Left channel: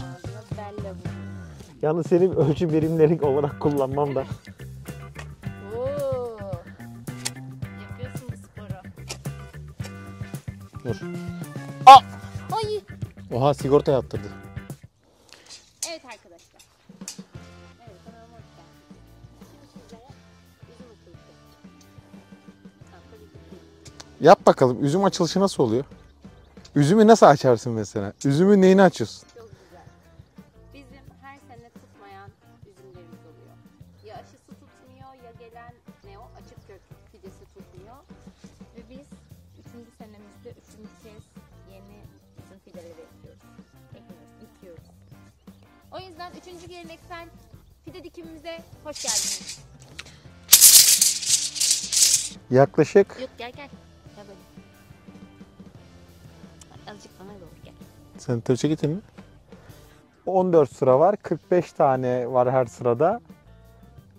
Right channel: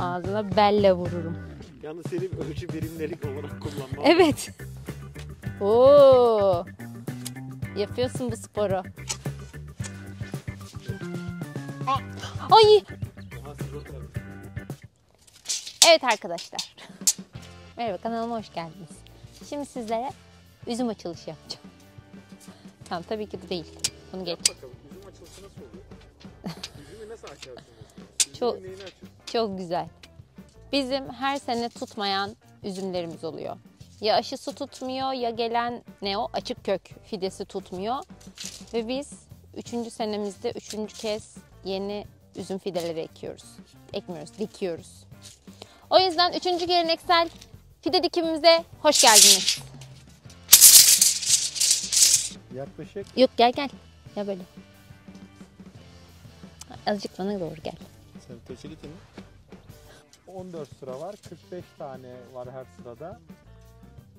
Ağzına belle vururum. Yalnız senin ölçü birimleri olarak kullanmam Evet. Oo. Yapıyorsun bu sporu. Dur. Ay. Oha, sigorta yaptırdı. Evet arkadaşlar. Merhaba, kanalıma hoş geldiniz. Şimdi sizlere üzüm açılışı yapacağım. Tamam, tabii ki de değil. Yap bakalım, üzüm açılışı nasıl oluyor? Üzümü nasıl açarsın mesela? Üzümün neyini açıyorsun? Çok güzel. Bizim her sene tutmayan üzümlerimiz oluyor. Ya aşısı tutmuyor ya gelen açık kök fidesi tutmuyor. Ve biz 3. senemizde 3. kez yeni üzüm fideleri dikiyoruz. O yüzden 3. geleneksel fide dikimimize hoş geldiniz. Yaklaşık. Yok, gel. Ya böyle. Azıcık bana doğru gel. Sen tırça getirdin mi? 14 sıra var. 45 tane var her sırada.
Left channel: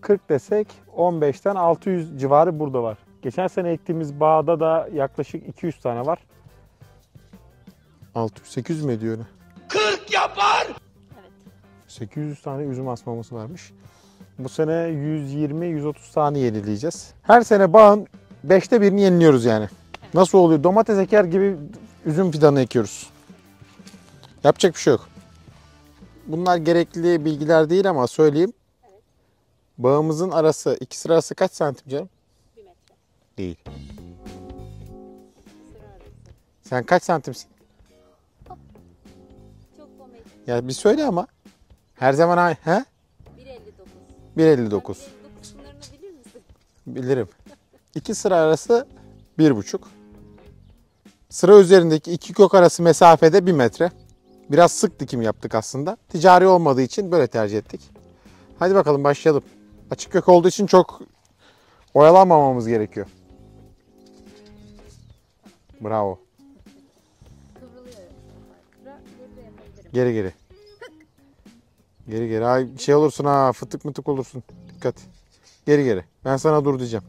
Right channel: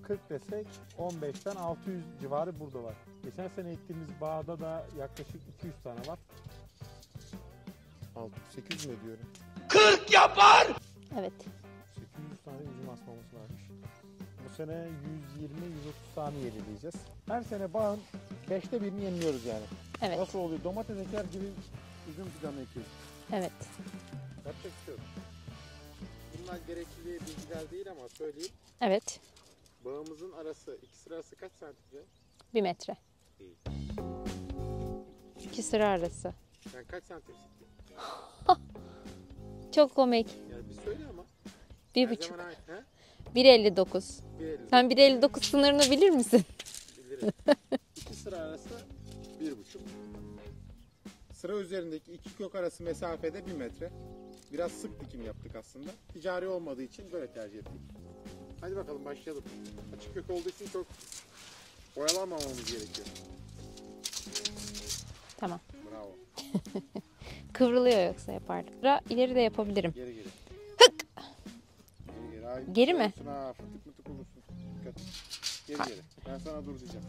40 desek 15'ten 600 civarı burada var. Geçen sene ektiğimiz bağda da yaklaşık 200 tane var. 600-800 mü ediyor öyle? 40 yapar! Evet. 800 tane üzüm asmamız varmış. Bu sene 120-130 tane yenileyeceğiz. Her sene bağın 5'te birini yeniliyoruz yani. Evet. Nasıl oluyor? Domates eker gibi üzüm fidanı ekiyoruz. Evet. Yapacak bir şey yok. Bunlar gerekli bilgiler değil ama söyleyeyim. Evet. Bağımızın arası, ikisi arası kaç santim canım? 1 metre. Değil. 2 sıra arası. Sen kaç santimsin? Çok komik. Ya bir söyle ama. Bir Her buçuk- zaman aynı. He? 1.59. 1.59. Sen 1.59 sınırını bilir misin? Bilirim. İki sıra arası 1,5. Sıra üzerindeki iki kök arası mesafede 1 metre. Biraz sık dikim yaptık aslında. Ticari olmadığı için böyle tercih ettik. Hadi bakalım başlayalım. Açık kök olduğu için çok oyalanmamamız gerekiyor. Tamam. Bravo. Kıvrılıyor yoksa yapardık. İleri de yapabilirim. Geri geri. Geri geri. Ay, Geri şey mi? olursun ha, fıtık mıtık olursun. Dikkat. Geri geri. Ben sana dur diyeceğim.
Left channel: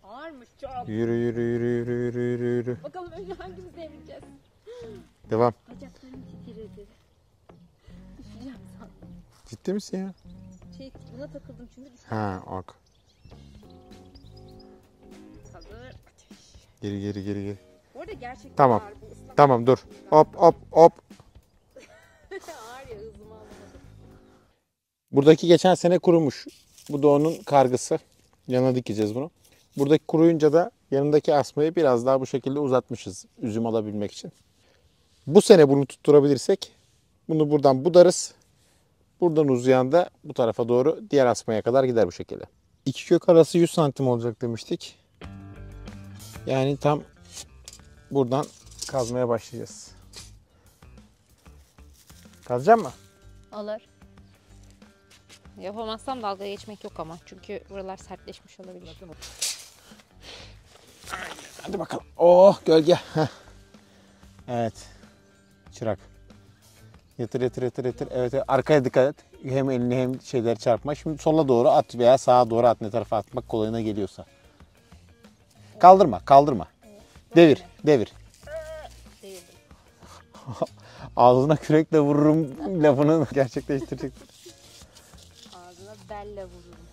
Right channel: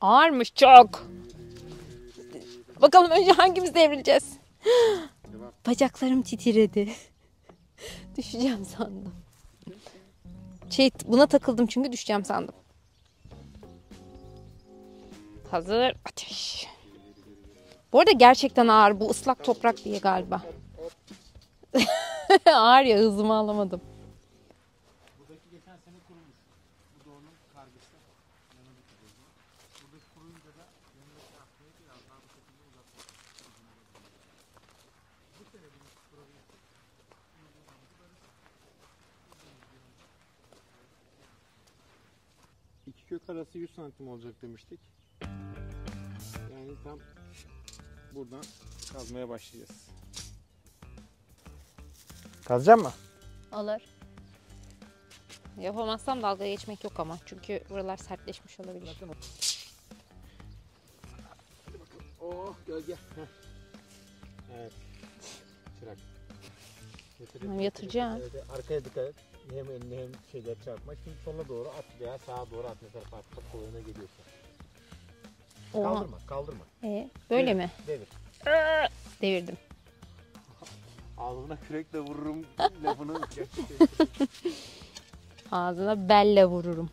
Ağırmış çok. Yürü yürü yürü yürü yürü yürü yürü. Bakalım önce hangimiz devrileceğiz? Devam. Bacaklarım titredi. Düşeceğim sandım. Ciddi misin ya? Buna takıldım çünkü düşeceğim Ha, sandım. bak. Hazır, ateş. Geri geri geri geri. Bu arada gerçekten Tamam. ağır. Bu ıslak Tamam toprak dur. diye Hop galiba. hop hop. Ağır ya, hızımı alamadım. Buradaki geçen sene kurumuş. Bu da onun kargısı. Yana dikeceğiz bunu. Buradaki kuruyunca da yanındaki asmayı biraz daha bu şekilde uzatmışız üzüm alabilmek için. Bu sene bunu tutturabilirsek bunu buradan budarız. Buradan uzayan da bu tarafa doğru diğer asmaya kadar gider bu şekilde. İki kök arası 100 santim olacak demiştik. Yani tam buradan kazmaya başlayacağız. Kazacak mı? Olur. Yapamazsam dalga geçmek yok ama. Çünkü buralar sertleşmiş olabilir. Hadi bakalım. Oh, gölge. Heh. Evet. Çırak. Yatır yatır yatır yatır. Yatıracağım. Evet, evet. Arkaya dikkat et. Hem elini hem şeyleri çarpma. Şimdi sola doğru at veya sağa doğru at, ne tarafa atmak kolayına geliyorsa. Kaldırma, kaldırma. Böyle Devir, mi? devir. Devirdim. Ağzına kürekle vururum lafını gerçekleştirecek. Ağzına belle vururum.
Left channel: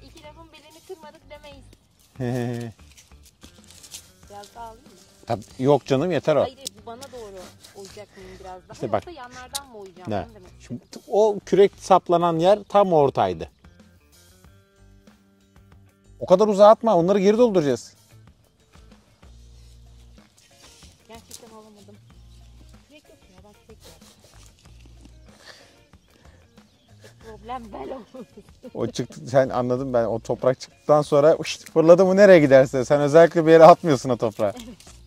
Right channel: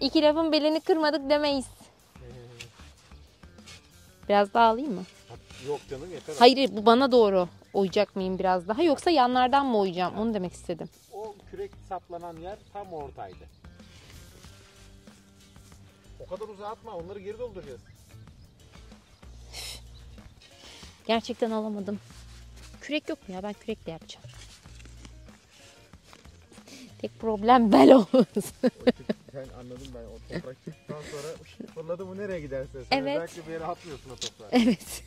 İki lafın belini kırmadık demeyiz. Biraz daha alayım mı? Tabii, yok canım, yeter o. Hayır, bu bana doğru oyacak mıyım biraz daha, İşte bak. yoksa yanlardan mı oyacağım? Ne? Onu demek istedim. O kürek saplanan yer tam ortaydı. O kadar uzağa atma, onları geri dolduracağız. Gerçekten alamadım. Kürek yok mu ya? Ben kürekle yapacağım. Tek problem bel olması. O çıktı, sen anladın, ben o toprak çıktıktan sonra fırladı mı nereye giderse. Sen Evet. özellikle bir yere atmıyorsun o toprağı. Evet.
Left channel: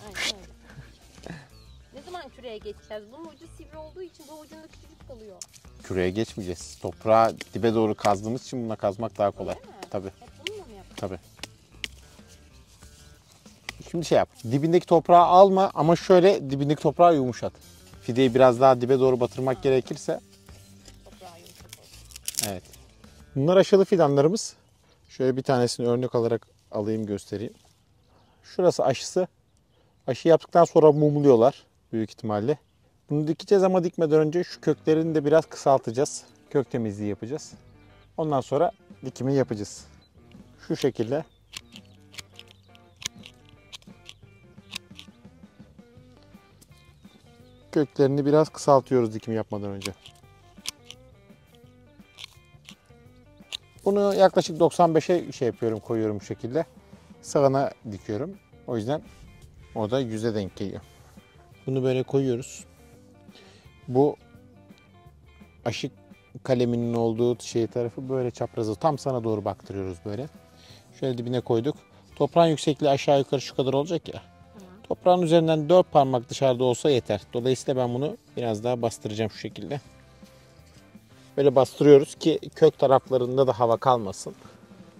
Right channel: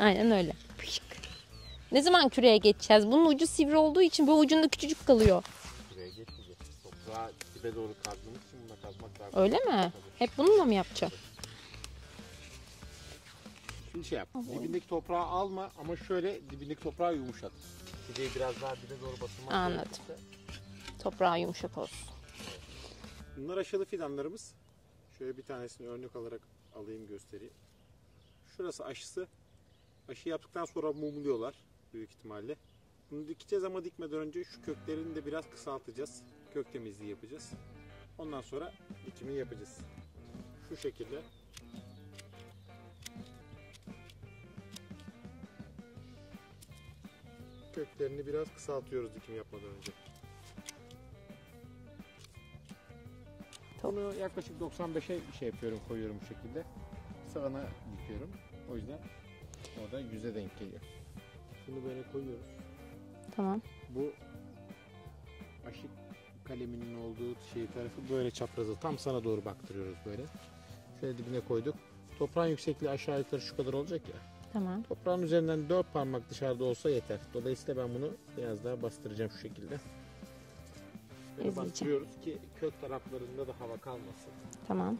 Aynen öyle. Ne zaman küreye geçeceğiz? Bunun ucu sivri olduğu için bu ucunda küçücük kalıyor. Küreye geçmeyeceğiz. Toprağı dibe doğru kazdığımız için bununla kazmak daha kolay. Öyle mi? Tabii. Hep bununla mı yapacağız? Tabii. Şimdi şey yap. Dibindeki toprağı alma ama şöyle dibindeki toprağı yumuşat. Fideyi biraz daha dibe doğru batırmak Anladım. gerekirse. Toprağı yumuşak olsun. Evet. Bunlar aşılı fidanlarımız. Şöyle bir tanesini örnek alarak alayım, göstereyim. Şurası aşısı. Aşı yaptıktan sonra mumluyorlar büyük ihtimalle. Bunu dikeceğiz ama dikmeden önce şu köklerini de biraz kısaltacağız. Kök temizliği yapacağız. Ondan sonra dikimi yapacağız. Şu şekilde. Köklerini biraz kısaltıyoruz dikim yapmadan önce. Bunu yaklaşık 95'e koyuyorum bu şekilde. Sağına dikiyorum. O yüzden o da 100'e denk geliyor. Bunu böyle koyuyoruz. Tamam. Bu aşı kaleminin olduğu tarafı böyle çaprazı tam sana doğru baktırıyoruz böyle. Şöyle dibine koyduk. Toprağın yüksekliği aşağı yukarı şu kadar olacak ya. Tamam. Toprağın üzerinden 4 parmak dışarıda olsa yeter. Dolayısıyla ben bunu biraz daha bastıracağım şu şekilde. Böyle bastırıyoruz ki kök taraflarında da hava kalmasın. Tamam.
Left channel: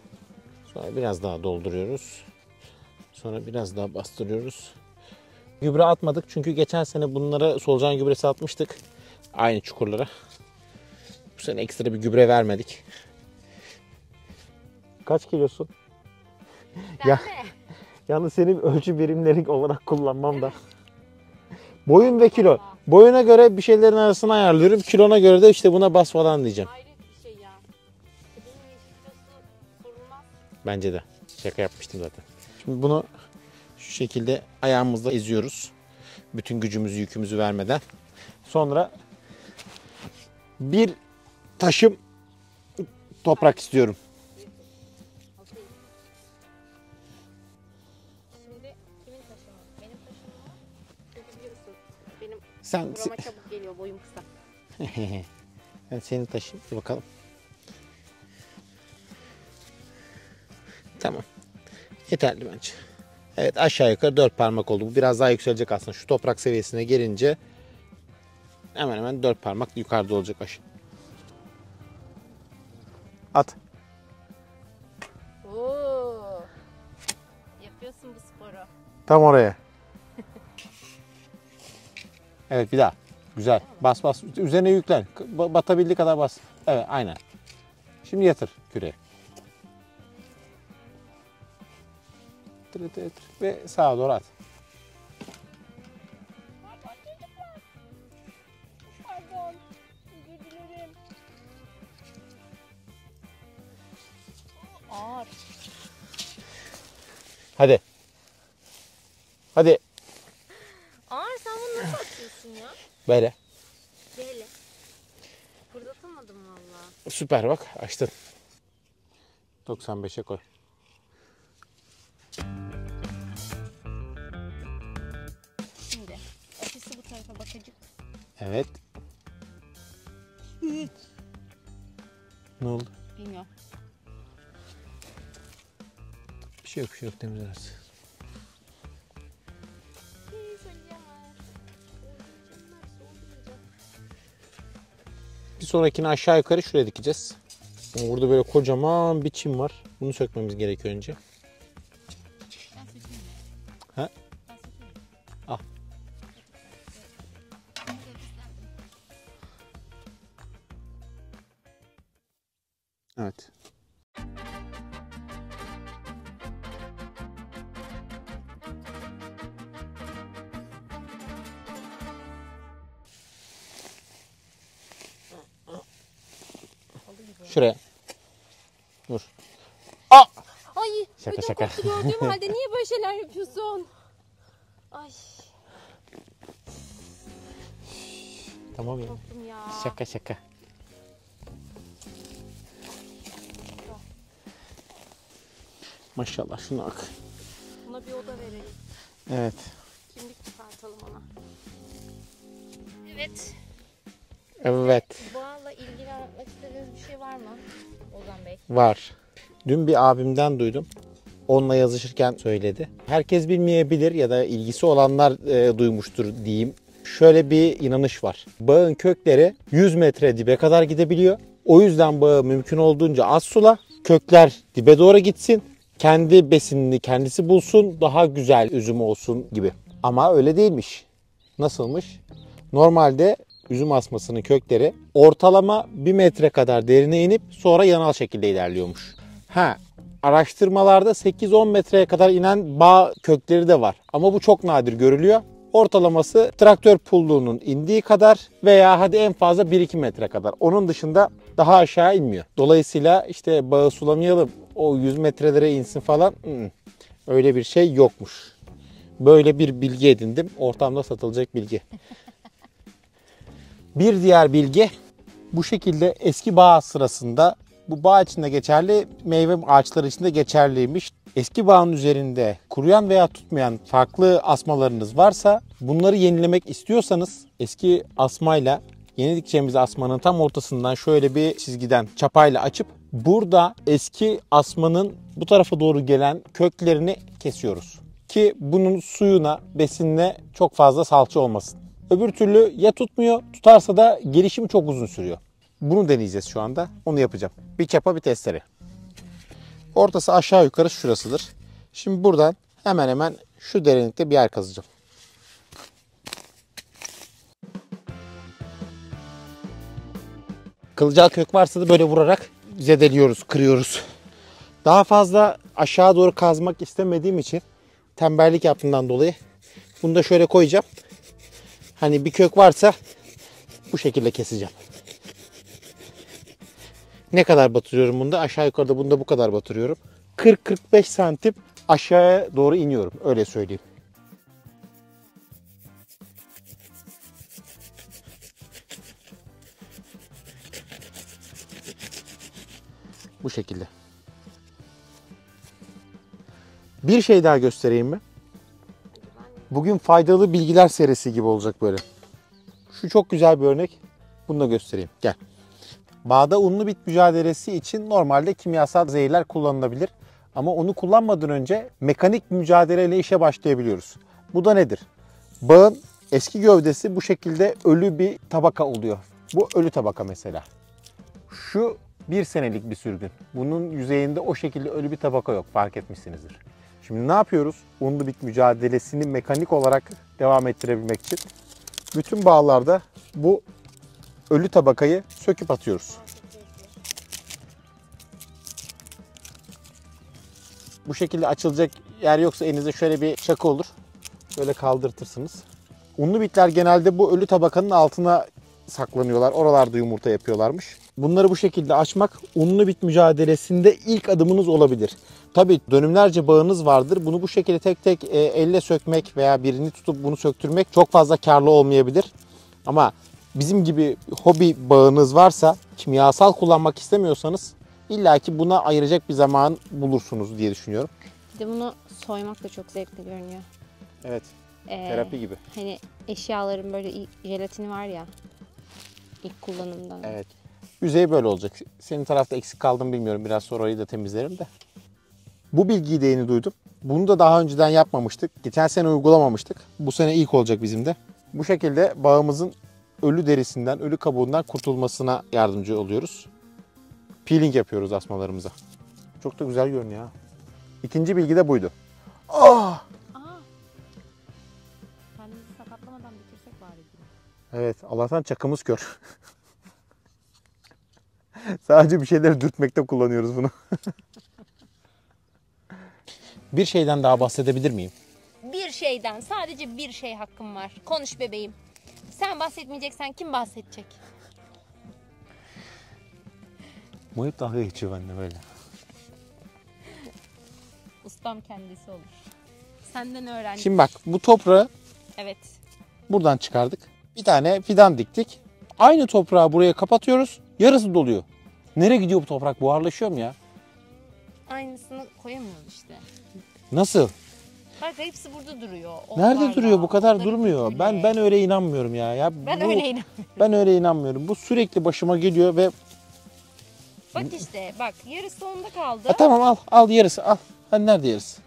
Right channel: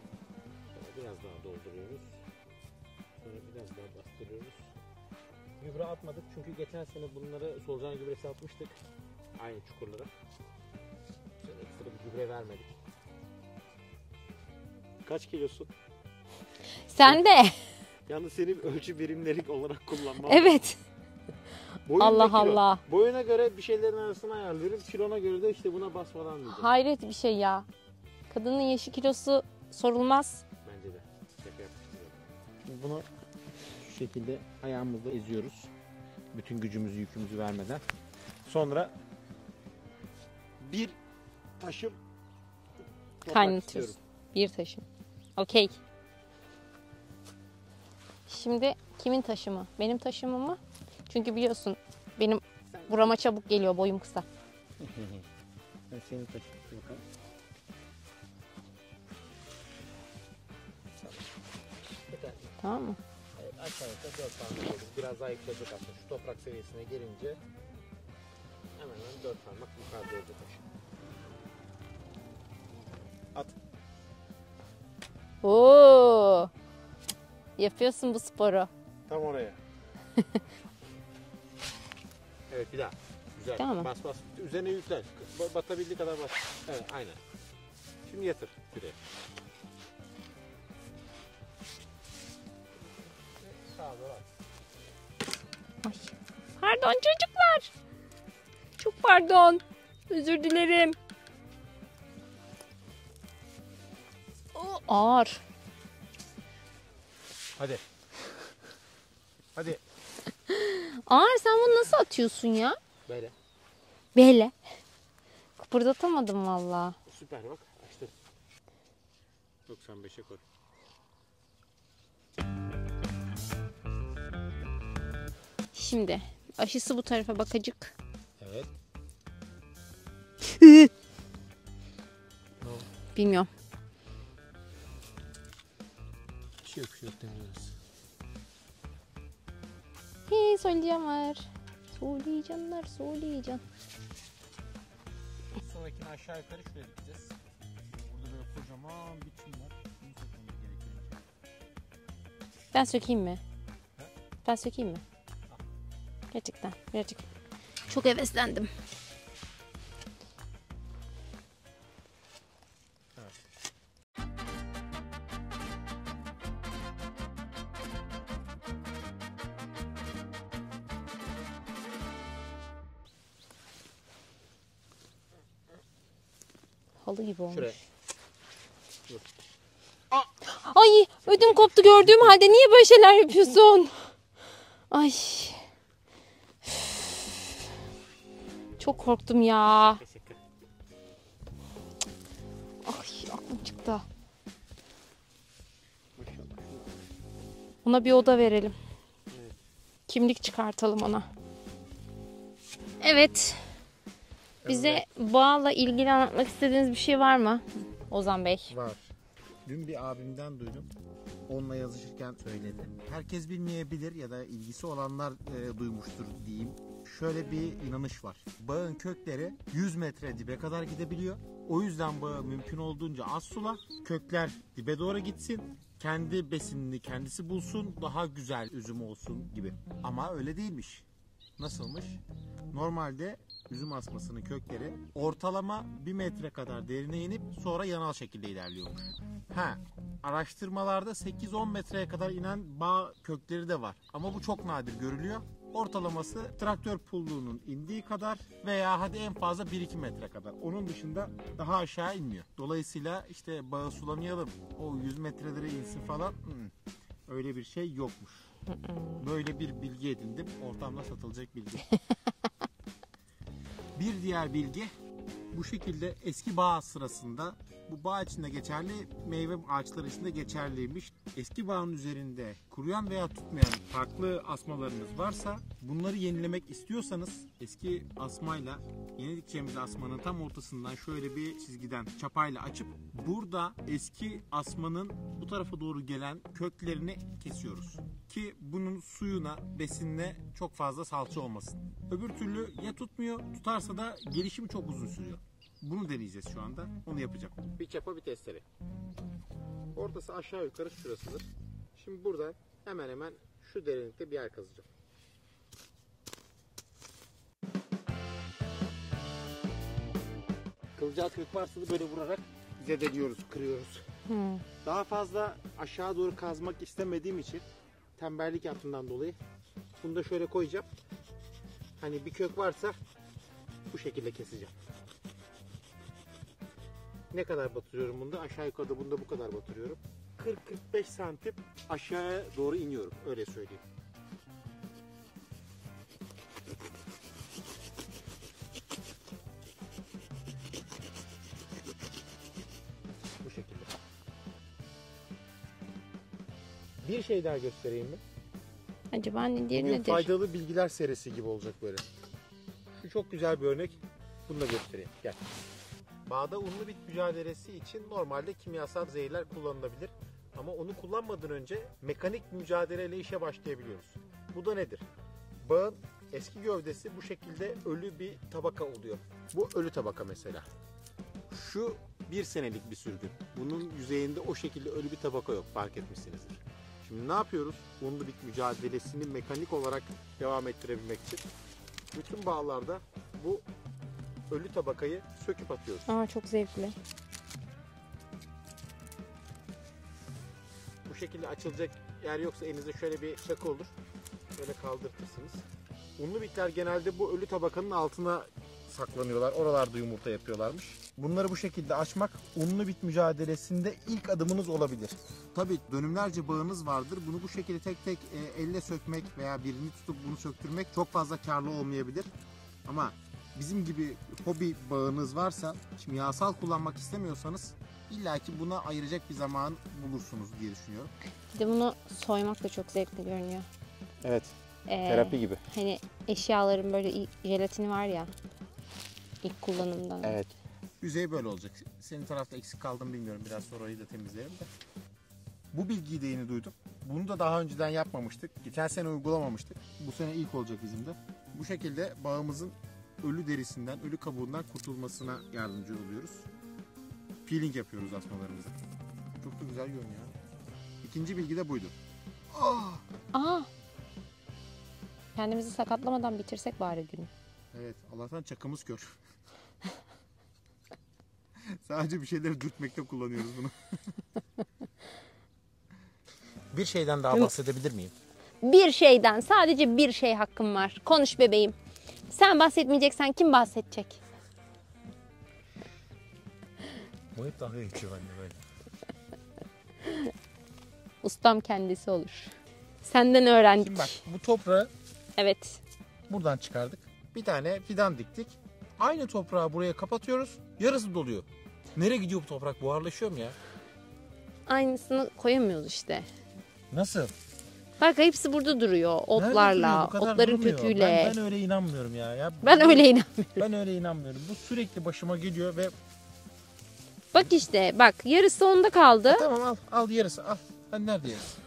Sonra biraz daha dolduruyoruz. Sonra biraz daha bastırıyoruz. Gübre atmadık çünkü geçen sene bunlara solucan gübresi atmıştık. Aynı çukurlara. Bu sene ekstra bir gübre vermedik. Kaç kilosun? Sen de. Yalnız senin ölçü birimleri olarak kullanmam da. Evet. Boyun ve Allah kilo. Allah. Boyuna göre bir şeylerin arasını ayarlıyorum. Kilona göre de işte buna bas falan diyeceğim. Hayret bir şey ya. Kadının yaşı kilosu sorulmaz. Bence de. Şaka yapmıştım zaten. Şimdi bunu şu şekilde ayağımızla eziyoruz. Bütün gücümüzü, yükümüzü vermeden. Sonra bir taşım toprak Hangisi? istiyorum. Bir taşım. Okey. Şimdi kimin taşımı? Benim taşımı mı? Çünkü biliyorsun benim Sen burama çabuk geliyor, boyum kısa. Ben senin taşın. Dur bakalım. Tamam. Yeterli bence. Tamam mı? Evet, aşağı yukarı 4 parmak oldu. Bu biraz daha yükselecek aslında. Şu toprak seviyesine gelince hemen hemen 4 parmak yukarıda olacak aşağı. At. Oo. Yapıyorsun bu sporu. Tam oraya. Evet, bir daha. Güzel. Tamam. Bas bas. Üzerine yüklen. Batabildiği kadar bas. Evet, aynen. Şimdi yatır küreği. Ve sağa doğru at. Pardon çocuklar. Çok pardon. Özür dilerim. Ağır. Hadi. Hadi. Ağır, sen bunu nasıl atıyorsun ya? Böyle. Böyle. Kıpırdatamadım valla. Süper, bak açtın. 95'e koy. Şimdi aşısı bu tarafa bakacak. Evet. Ne oldu? Bilmiyorum. Bir şey yok, bir şey yok. Biraz. Söyleyeceğim var. Söyleyeceğim. Bir sonrakini aşağı yukarı şuraya dikeceğiz. Burada böyle kocaman bir çim var. Bunu sökmemiz gerekiyor önce. Ben sökeyim mi? Ha? Ben sökeyim mi? Al. Gerçekten birazcık. Çok heveslendim. Evet. Halı gibi oldu. Şuraya. Dur. Ay Şaka, ödüm şaka. koptu gördüğüm halde, niye böyle şeyler yapıyorsun? Ay Tamam çok korktum ya. Şaka şaka. Ay aklım çıktı. Maşallah, şuna bak. Ona bir oda verelim. Evet. Kimlik çıkartalım ona. Evet. Bize Evet. bağla ilgili anlatmak istediğiniz bir şey var mı Ozan Bey? Var. Dün bir abimden duydum. Onunla yazışırken söyledi. Herkes bilmeyebilir ya da ilgisi olanlar duymuştur diyeyim. Şöyle bir inanış var. Bağın kökleri 100 metre dibe kadar gidebiliyor. O yüzden bağı mümkün olduğunca az sula. Kökler dibe doğru gitsin. Kendi besinini kendisi bulsun. Daha güzel üzüm olsun gibi. Ama öyle değilmiş. Nasılmış? Normalde üzüm asmasının kökleri ortalama 1 metre kadar derine inip sonra yanal şekilde ilerliyormuş. Araştırmalarda 8-10 metreye kadar inen bağ kökleri de var. Ama bu çok nadir görülüyor. Ortalaması traktör pulluğunun indiği kadar veya hadi en fazla 1-2 metre kadar. Onun dışında daha aşağı inmiyor. Dolayısıyla işte bağı sulamayalım, o 100 metrelere insin falan. Öyle bir şey yokmuş. Böyle bir bilgi edindim. Ortamda satılacak bilgi. Bir diğer bilgi, bu şekilde eski bağ sırasında, bu bağ içinde geçerli, meyve ağaçları içinde geçerliymiş. Eski bağın üzerinde kuruyan veya tutmayan farklı asmalarınız varsa bunları yenilemek istiyorsanız eski asmayla yeni dikeceğimiz asmanın tam ortasından şöyle bir çizgiden çapayla açıp burada eski asmanın bu tarafa doğru gelen köklerini kesiyoruz. Ki bunun suyuna, besinine çok fazla salça olmasın. Öbür türlü ya tutmuyor, tutarsa da gelişimi çok uzun sürüyor. Bunu deneyeceğiz şu anda. Onu yapacağım. Bir çapa, bir testere. Ortası aşağı yukarı şurasıdır. Şimdi buradan hemen hemen şu derinlikte bir yer kazacağım. Kılcal kök varsa da böyle vurarak zedeliyoruz, kırıyoruz. Daha fazla aşağı doğru kazmak istemediğim için, tembellik yaptığımdan dolayı bunu da şöyle koyacağım. Hani bir kök varsa bu şekilde keseceğim. Ne kadar batırıyorum bunda? Aşağı yukarıda bunda bu kadar batırıyorum. 40-45 santim aşağıya doğru iniyorum. Öyle söyleyeyim. Bu şekilde. Bir şey daha göstereyim mi? Acaba ne diye Bugün faydalı bilgiler serisi gibi olacak böyle. Şu çok güzel bir örnek. Bunu da göstereyim. Gel. Bağda unlu bit mücadelesi için normalde kimyasal zehirler kullanılabilir. Ama onu kullanmadan önce mekanik mücadeleyle işe başlayabiliyoruz. Bu da nedir? Bağın eski gövdesi bu şekilde ölü bir tabaka oluyor. Bu ölü tabaka mesela. Şu 1 senelik bir sürgün. Bunun yüzeyinde o şekilde ölü bir tabaka yok, fark etmişsinizdir. Şimdi ne yapıyoruz? Unlu bit mücadelesini mekanik olarak devam ettirebilmek için bütün bağlarda bu ölü tabakayı söküp atıyoruz. Aa, çok zevkli. Bu şekilde açılacak yer yoksa elinizde şöyle bir çakı olur. Böyle kaldırtırsınız. Unlu bitler genelde bu ölü tabakanın altına saklanıyorlar. Oralarda yumurta yapıyorlarmış. Bunları bu şekilde açmak unlu bit mücadelesinde ilk adımınız olabilir. Tabii dönümlerce bağınız vardır. Bunu bu şekilde tek tek elle sökmek veya birini tutup bunu söktürmek çok fazla karlı olmayabilir. Ama bizim gibi hobi bağınız varsa, kimyasal kullanmak istemiyorsanız illaki buna ayıracak bir zaman bulursunuz diye düşünüyorum. Bir de bunu soymak da çok zevkli görünüyor. Evet. Terapi gibi. Hani eşyaların böyle jelatini var ya, ilk kullanımdan. Evet. Yüzey böyle olacak. Senin tarafta eksik kaldım bilmiyorum. Biraz sonra orayı da temizlerim de. Bu bilgiyi de yeni duydum. Bunu da daha önceden yapmamıştık. Geçen sene uygulamamıştık. Bu sene ilk olacak bizim de. Bu şekilde bağımızın ölü derisinden, ölü kabuğundan kurtulmasına yardımcı oluyoruz. Peeling yapıyoruz asmalarımıza. Çok da güzel görünüyor ha. İkinci bilgi de buydu. Aa! Kendimizi sakatlamadan bitirsek bari günü. Evet, Allah'tan çakımız kör. Sadece bir şeyleri dürtmekte kullanıyoruz bunu. Bir şeyden daha bahsedebilir miyim? Bir şeyden, sadece bir şey hakkım var. Konuş bebeğim. Sen bahsetmeyeceksen kim bahsedecek? Muhip daha geçiyor bende böyle. Ustam kendisi olur. Senden öğrendik. Şimdi bak, bu toprağı Evet. buradan çıkardık. Bir tane fidan diktik. Aynı toprağı buraya kapatıyoruz. Yarısı doluyor. Nereye gidiyor bu toprak? Buharlaşıyor mu ya? Aynısını koyamıyoruz işte. Nasıl? Bak hepsi burada duruyor. Otlarla, Nerede duruyor? Bu kadar otların durmuyor. köküyle. Ben öyle inanmıyorum ya. Ben öyle inanmıyorum. Ben öyle inanmıyorum. Bu sürekli başıma geliyor ve Bak işte bak yarısı onda kaldı. tamam al yarısı al. Hani nerede yarısı?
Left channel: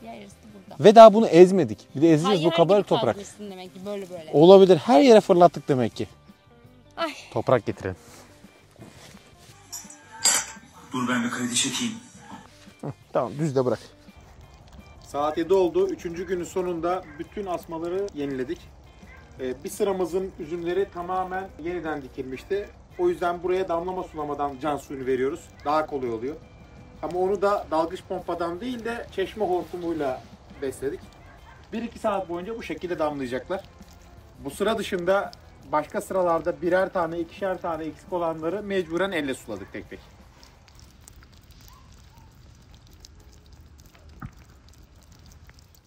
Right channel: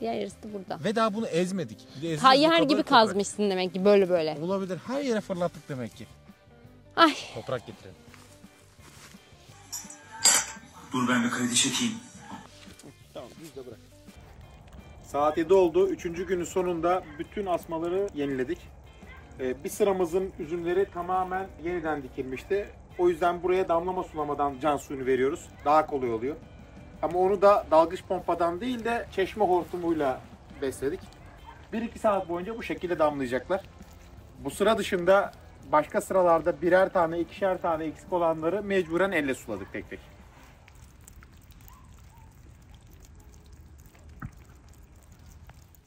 Diğer yarısı da burada. Ve daha bunu ezmedik. Bir de ezeceğiz bu Hayır kadar gibi toprak. kazmışsın demek ki böyle. Olabilir. Her yere fırlattık demek ki. Ay. Toprak getirelim. Dur ben bir kredi çekeyim. Tamam düzde bırak. Saat 7 oldu. 3. günün sonunda bütün asmaları yeniledik. Bir sıramızın üzümleri tamamen yeniden dikilmişti. O yüzden buraya damlama sulamadan can suyunu veriyoruz. Daha kolay oluyor. Ama onu da dalgıç pompadan değil de çeşme hortumuyla besledik. 1-2 saat boyunca bu şekilde damlayacaklar. Bu sıra dışında başka sıralarda birer tane, ikişer tane eksik olanları mecburen elle suladık tek tek.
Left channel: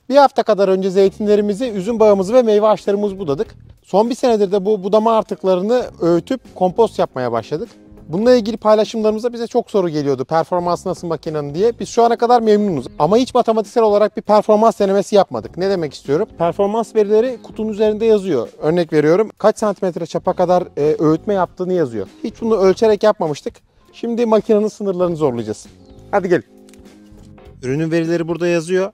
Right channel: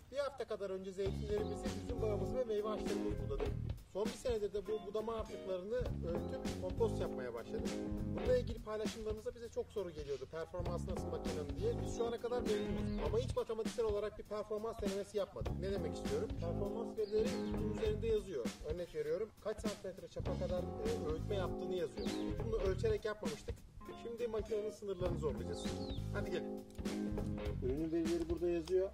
Bir hafta kadar önce zeytinlerimizi, üzüm bağımızı ve meyve ağaçlarımızı budadık. Son bir senedir de bu budama artıklarını öğütüp kompost yapmaya başladık. Bununla ilgili paylaşımlarımızda bize çok soru geliyordu. Performansı nasıl makinenin diye. Biz şu ana kadar memnunuz. Ama hiç matematiksel olarak bir performans denemesi yapmadık. Ne demek istiyorum? Performans verileri kutunun üzerinde yazıyor. Örnek veriyorum. Kaç santimetre çapa kadar öğütme yaptığını yazıyor. Hiç bunu ölçerek yapmamıştık. Şimdi makinenin sınırlarını zorlayacağız. Hadi gelin. Ürünün verileri burada yazıyor.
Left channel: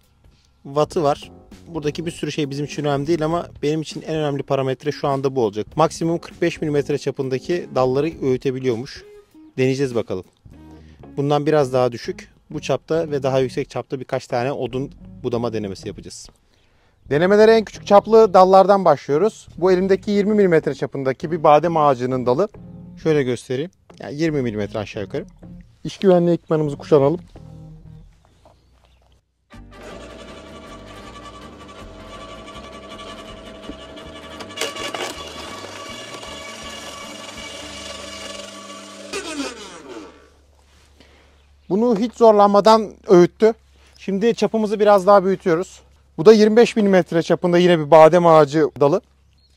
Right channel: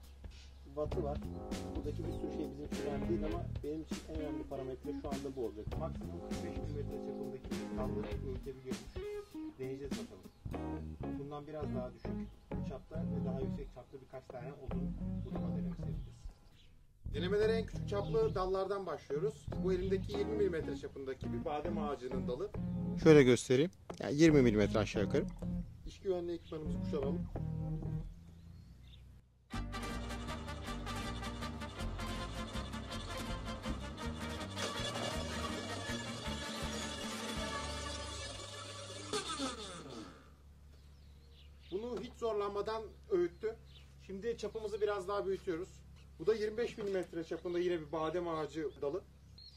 Wattı var. Buradaki bir sürü şey bizim için önemli değil ama benim için en önemli parametre şu anda bu olacak. Maksimum 45 mm çapındaki dalları öğütebiliyormuş. Deneyeceğiz bakalım. Bundan biraz daha düşük, bu çapta ve daha yüksek çapta birkaç tane odun budama denemesi yapacağız. Denemelere en küçük çaplı dallardan başlıyoruz. Bu elimdeki 20 mm çapındaki bir badem ağacının dalı. Şöyle göstereyim. Yani 20 mm aşağı yukarı. İş güvenliği ekipmanımızı kuşanalım. Bunu hiç zorlanmadan öğüttü. Şimdi çapımızı biraz daha büyütüyoruz. Bu da 25 mm çapında yine bir badem ağacı dalı.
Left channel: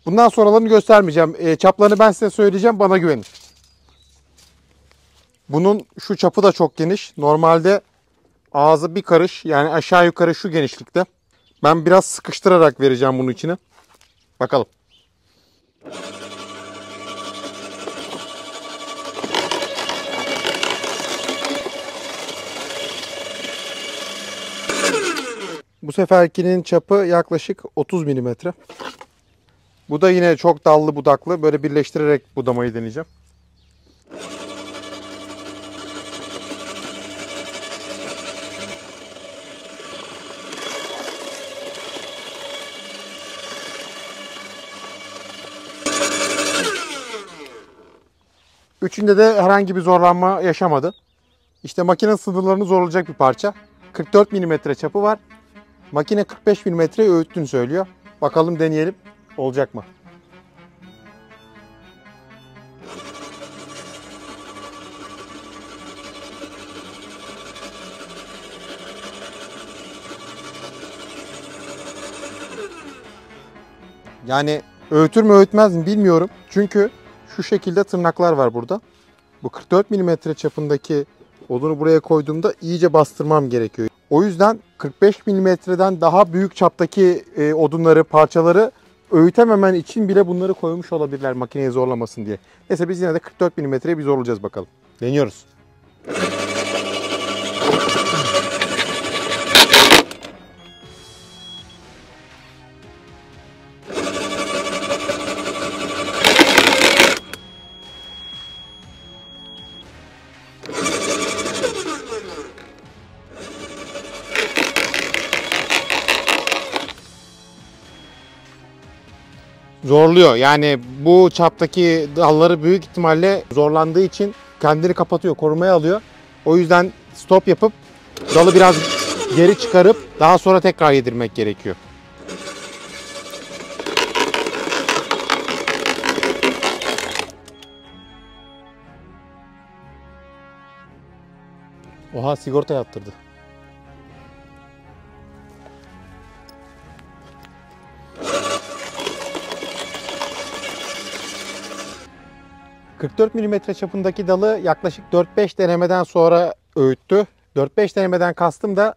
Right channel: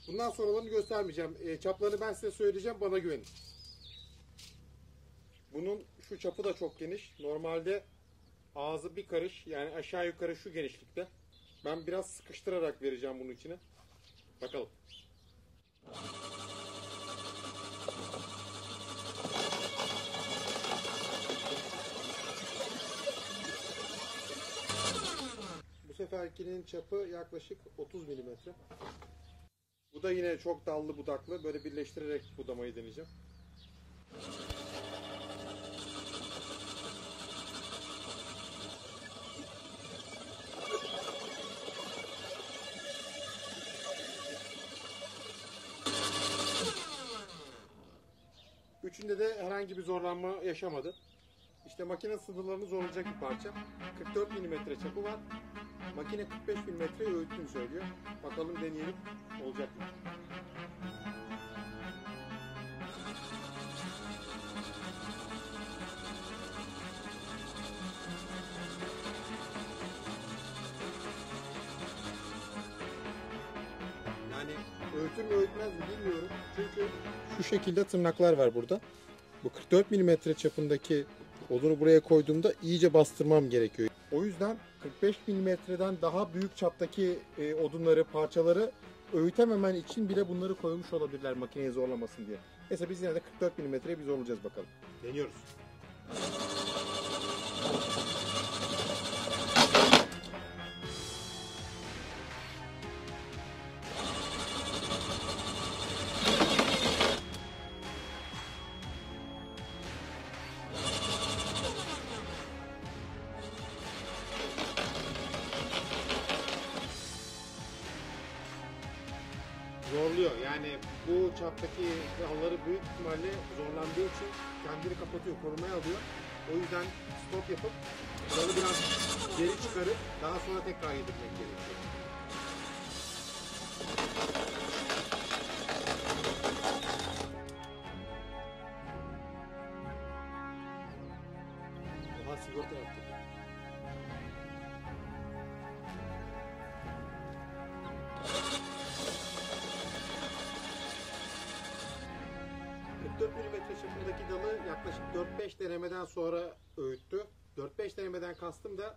Bundan sonralarını göstermeyeceğim. Çaplarını ben size söyleyeceğim. Bana güvenin. Bunun şu çapı da çok geniş. Normalde ağzı bir karış, yani aşağı yukarı şu genişlikte. Ben biraz sıkıştırarak vereceğim bunun içine. Bakalım. Bu seferkinin çapı yaklaşık 30 mm. Bu da yine çok dallı budaklı. Böyle birleştirerek budamayı deneyeceğim. Üçünde de herhangi bir zorlanma yaşamadı. İşte makine sınırlarını zorlayacak bir parça. 44 mm çapı var. Makine 45 mm öğüttüğünü söylüyor. Bakalım deneyelim. Olacak mı? Yani öğütür mü öğütmez mi bilmiyorum. Çünkü şu şekilde tırnaklar var burada. Bu 44 mm çapındaki odunu buraya koyduğumda iyice bastırmam gerekiyor. O yüzden 45 mm'den daha büyük çaptaki odunları, parçaları öğütememen için bile bunları koymuş olabilirler makineyi zorlamasın diye. Neyse biz yine de 44 mm'ye bir zorlayacağız bakalım. Deniyoruz. Zorluyor. Yani bu çaptaki dalları büyük ihtimalle zorlandığı için kendini kapatıyor, korumaya alıyor. O yüzden stop yapıp dalı biraz geri çıkarıp daha sonra tekrar yedirmek gerekiyor. Oha, sigorta yaptırdı. ...44 mm çapındaki dalı yaklaşık 4-5 denemeden sonra öğüttü. 4-5 denemeden kastım da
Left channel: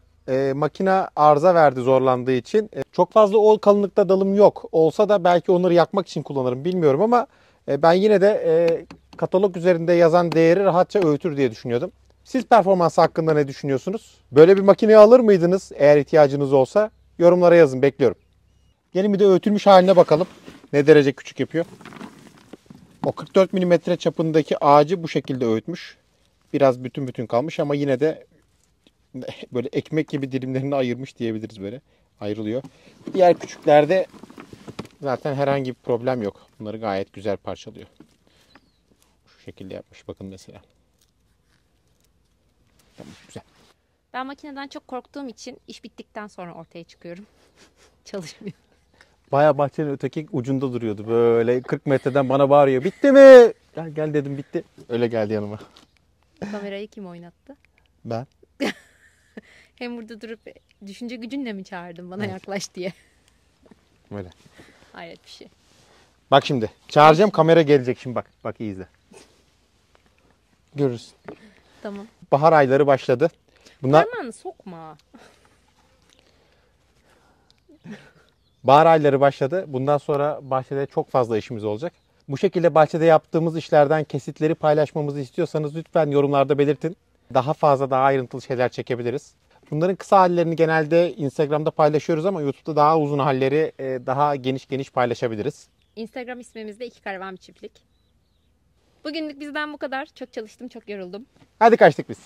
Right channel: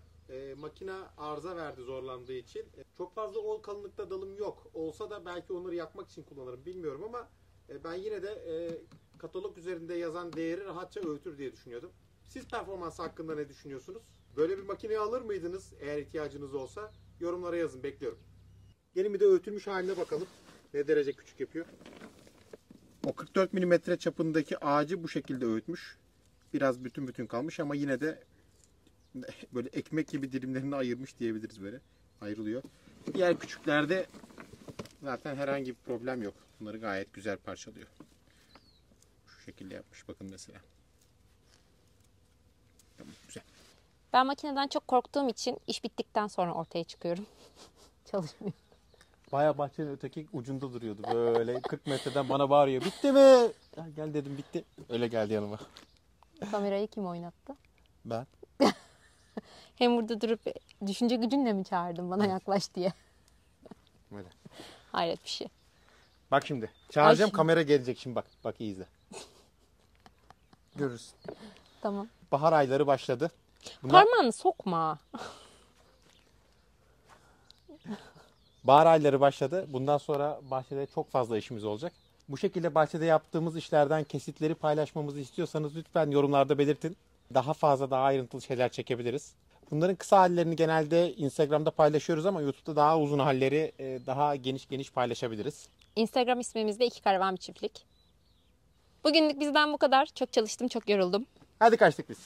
makine arıza verdi zorlandığı için. Çok fazla o kalınlıkta dalım yok. Olsa da belki onları yakmak için kullanırım bilmiyorum ama ben yine de katalog üzerinde yazan değeri rahatça öğütür diye düşünüyordum. Siz performansı hakkında ne düşünüyorsunuz? Böyle bir makineyi alır mıydınız eğer ihtiyacınız olsa? Yorumlara yazın, bekliyorum. Gelin bir de öğütülmüş haline bakalım. Ne derece küçük yapıyor. O 44 mm çapındaki ağacı bu şekilde öğütmüş. Biraz bütün bütün kalmış ama yine de böyle ekmek gibi dilimlerini ayırmış diyebiliriz böyle. Ayrılıyor. Diğer küçüklerde zaten herhangi bir problem yok. Bunları gayet güzel parçalıyor. Şu şekilde yapmış bakın mesela. Tamam, güzel. Ben makineden çok korktuğum için iş bittikten sonra ortaya çıkıyorum. Çalışmıyor. Bayağı bahçenin öteki ucunda duruyordu böyle 40 metreden bana bağırıyor. Bitti mi? Gel gel dedim bitti. Öyle geldi yanıma. Kamerayı kim oynattı? Ben. Hem burada durup düşünce gücünle mi çağırdın bana yaklaş diye? Öyle. Hayret bir şey. Bak şimdi çağıracağım kamera gelecek şimdi bak. Bak iyi izle. Görürsün. Tamam. Bahar ayları başladı. Bunlar Parmağını sokma. bahar ayları başladı. Bundan sonra bahçede çok fazla işimiz olacak. Bu şekilde bahçede yaptığımız işlerden kesitleri paylaşmamızı istiyorsanız lütfen yorumlarda belirtin. Daha fazla daha ayrıntılı şeyler çekebiliriz. Bunların kısa hallerini genelde Instagram'da paylaşıyoruz ama YouTube'da daha uzun halleri daha geniş paylaşabiliriz. Instagram ismimiz de 2 Karavan Bir Çiftlik. Bugünlük bizden bu kadar. Çok çalıştım, çok yoruldum. Hadi kaçtık biz.